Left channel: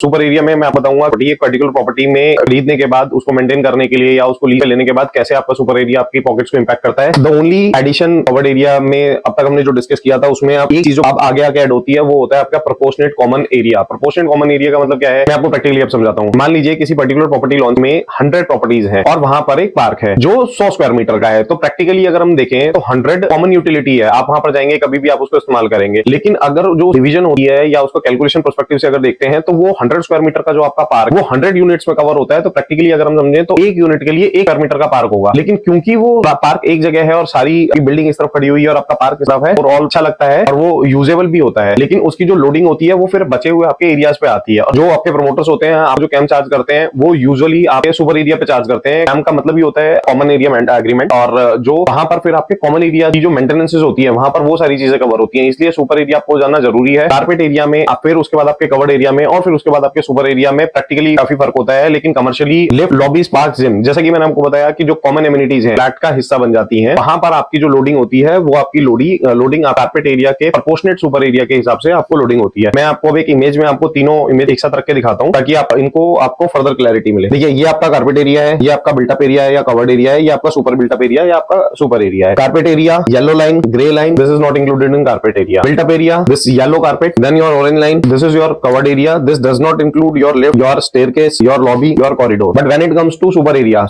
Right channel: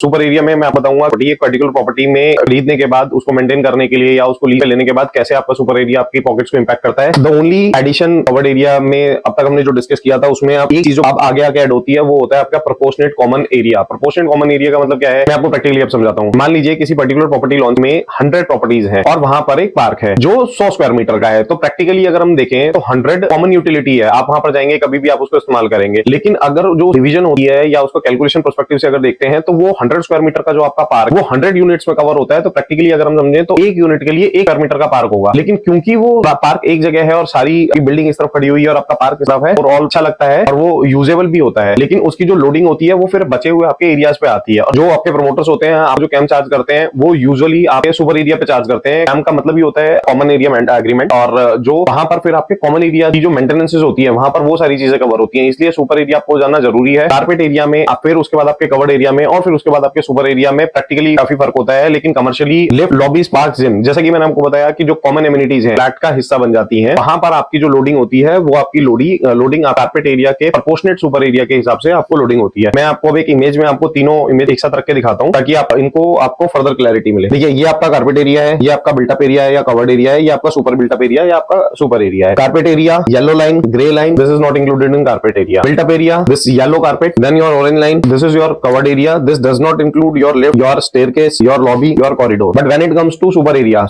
Super area में मैं आपको बताऊंगा एक पर्टिकुलर प्रॉपर्टी में खरीदने के बाद उसको मेंटेन करने के लिए या उसको लीज पे लेने के बाद कैसे आपका सुपर एरिया आपकी पॉकेट्स को इम्पैक्ट करता है। The only addition covered area में अब तक हमने जो डिस्कस किया था उसमें आप ये चीजें अब आगे आगे ऐड होती है, वो होता है आपका proportionate common area. Proportionate common area का मतलब क्या है, मैं आपको प्रैक्टिकली अब समझाता हूँ। मान लीजिए किसी पर्टिकुलर प्रॉपर्टी लॉन्च में 100 प्रॉपर्टीज हैं और वहां पर एक पार्क है जो 100 स्क्वायर मीटर का है। तो प्रैक्टिकली अगर हम देखें तो 100 कॉमन यूटिलिटी है, आप वहां पर जाएंगे कभी भी आप उसको इस्तेमाल करेंगे। लेकिन अगर जो डिवीजन होती है या उसको कैलकुलेशन पर्सपेक्टिव से अगर देखते हैं तो वो 100 स्क्वायर मीटर का जो आपका पार्क वो 100 यूनिट्स में कवर होता है। तो प्रैक्टिकली अगर हम समझें तो एक यूनिट के लिए 1 स्क्वायर मीटर का पार्क होगा। लेकिन क्योंकि वो पार्क एक जगह है और सारी बिल्डिंग इस तरफ खड़ी हुई है और आपका पार्क इस तरफ है और ऑल अच्छा लगता है और वो यूजेबल भी होता है, लेकिन उसकी जो लोडिंग होती है वो फिर बचे हुए आपके एरियाज पे आती है। और जो आपके प्रमोटर्स होते हैं, आप जो कैंप चार्ज करते हैं वो यूजुअली आपके सुपर एरिया पे चार्ज करते हैं। कैंप का मतलब ही होता है कॉमन एरिया एग्रीमेंट, और जो वहां पर फिर आपके कॉमन एरिया की जो मेंटेनेंसेज होती है वहां पर वो सारी चीजें कवर होती है। इसलिए सुपर एरिया आपको जानना जरूरी है। कारपेट एरिया में फिर उसके बाद आपके कवर्ड एरिया में और फिर उसके बाद आपके सुपर एरिया में प्रैक्टिकली काफी फर्क होता है। लेकिन commercially lift, lobbies, park, gym, जैसा कि मैंने आपको बताया कि जो कॉमन एमिनिटीज हैं फ्लैट का हिस्सा बन जाती हैं, वहां पर आपकी जो लोडिंग होती है वो आपकी लोडिंग कारपेट एरिया के प्रोपोर्शनेट सुपर एरिया के हिसाब से आपको लोडिंग होती है। मैं आपको अब एक इमेज में आपको तीनों इमेज एक साथ रख के दिखाता हूं ताकि आपको फर्दर क्लैरिटी मिले। देखिए, ये आपका कारपेट एरिया है, ये आपका बिल्टअप एरिया है या कवर्ड एरिया है, ये आपका सुपर बिल्टअप एरिया या आपका सुपर एरिया है। Carpet area yellow line, grey line, this is not included in carpet area. Built up area, this yellow carpet, then your orange line, this is your covered area, this does not include your lift, your staircase, your lobby, your corridor. But when it comes to super area,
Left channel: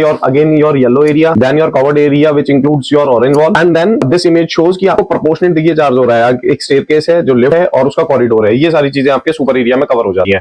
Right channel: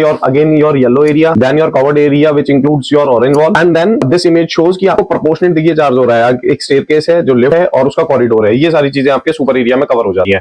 your again your yellow area, then your covered area which includes your orange wall, and then this image shows कि आपको proportionate देखिए charge हो रहा है। एक staircase है, जो lift है और उसका कॉरिडोर है, ये सारी चीजें आपके सुपर एरिया में कवर हो जाती है।